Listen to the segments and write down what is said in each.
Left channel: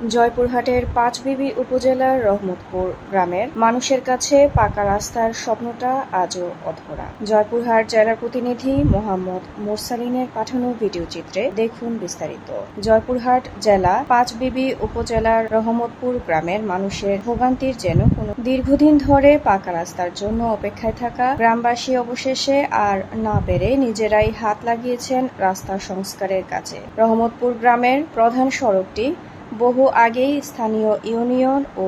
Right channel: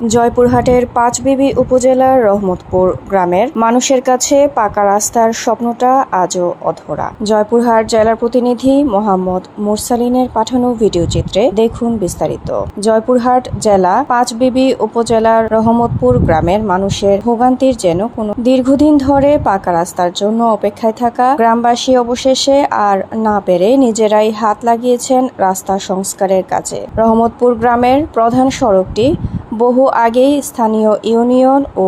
জয়পুরহাটের পাঁচবিবি উপজেলার রহমতপুর গ্রামের মানুষের কাছে পাকা রাস্তার স্বপ্নটা আজও অধরা। জয়পুরহাট জেলার প্রতিনিধি মোহাম্মদ মুরসালিনের পাঠানো ভিডিও চিত্রে দেখুন বিস্তারিত। জয়পুরহাট জেলা পাঁচবিবি উপজেলার রহমতপুর গ্রামের মানুষের ভোগান্তির যেন কোনো দীর্ঘদিন ধরে পাকা রাস্তার জন্য অপেক্ষায় থাকা গ্রামবাসী অবশেষে আর না পেরে নিজেরাই হাত লাগিয়েছেন রাস্তা সংস্কারের কাজে। রহমতপুর গ্রামের প্রধান সড়কটি বহু আগেই স্থানীয় ইউনিয়ন ও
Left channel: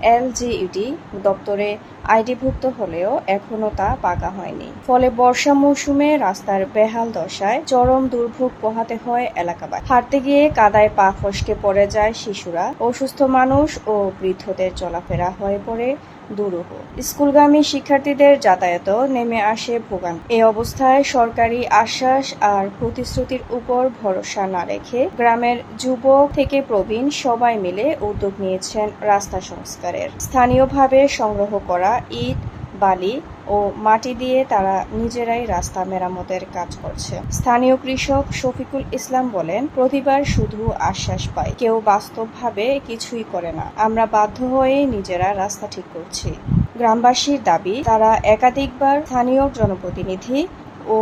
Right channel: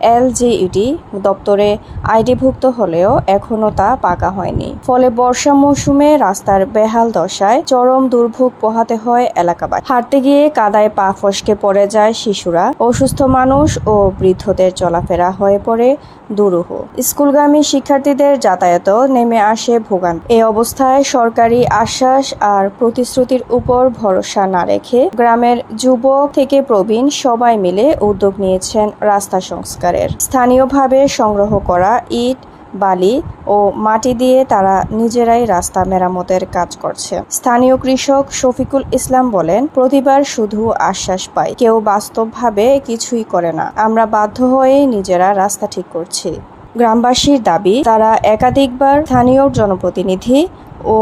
এলজিইডি দপ্তরে আইডিভুক্ত হলেও এখনও তা পাকা হয়নি। ফলে বর্ষা মৌসুমে রাস্তার বেহাল দশায় চরম দুর্ভোগ পোহাতে হয় এলাকাবাসী। হাঁটতে গিয়ে কাদায় পা ফসকে পড়ে যায় শিশুরা। অসুস্থ মানুষ ও বৃদ্ধদের চলাফেরা হয়ে পড়ে দুরূহ। স্কুলগামী শিক্ষার্থীদের যাতায়াতও নেমে আসে ভোগান এই অবস্থায় সরকারি আশ্বাস আর প্রতিশ্রুতির উপর ভরসা না রেখে গ্রামের যুবক থেকে প্রবীণ সবাই মিলে উদ্যোগ নিয়েছেন রাস্তা সংস্কারের স্থানীয়ভাবে সংগ্রহ করা ইট, বালি ও মাটি দিয়ে তারা নিজেরাই রাস্তা মেরামতের কাজ করছে। স্থানীয় কৃষক শফিকুল ইসলাম বলেন, প্রতিবার শুধু আশ্বাস পাই। কেউ বাস্তবভাবে কিছুই করে না। আমরা বাধ্য হয়ে নিজেরা রাস্তা ঠিক করছি। গ্রামবাসীর দাবি, তারা একাধিকবার স্থানীয় জনপ্রতিনিধি ও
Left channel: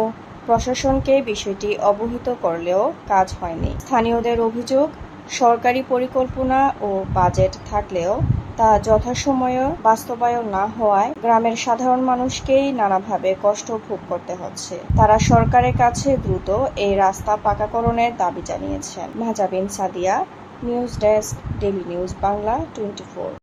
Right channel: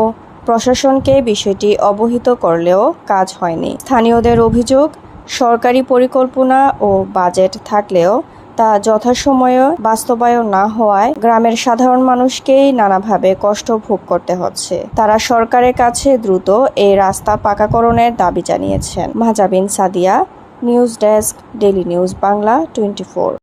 প্রশাসনকে বিষয়টি অবহিত করলেও কাজ হয়নি। স্থানীয়দের অভিযোগ, সরকারি পরিকল্পনা ও বাজেট থাকলেও তা যথাসময়ে বাস্তবায়ন না হওয়ায় গ্রামের সাধারণ মানুষকেই নানাভাবে কষ্ট ভোগ করতে হচ্ছে। তারা সরকারের কাছে দ্রুত এই রাস্তা পাকাকরণের দাবি জানিয়েছেন। Majabin Sadia, news desk daily news Bangla, twenty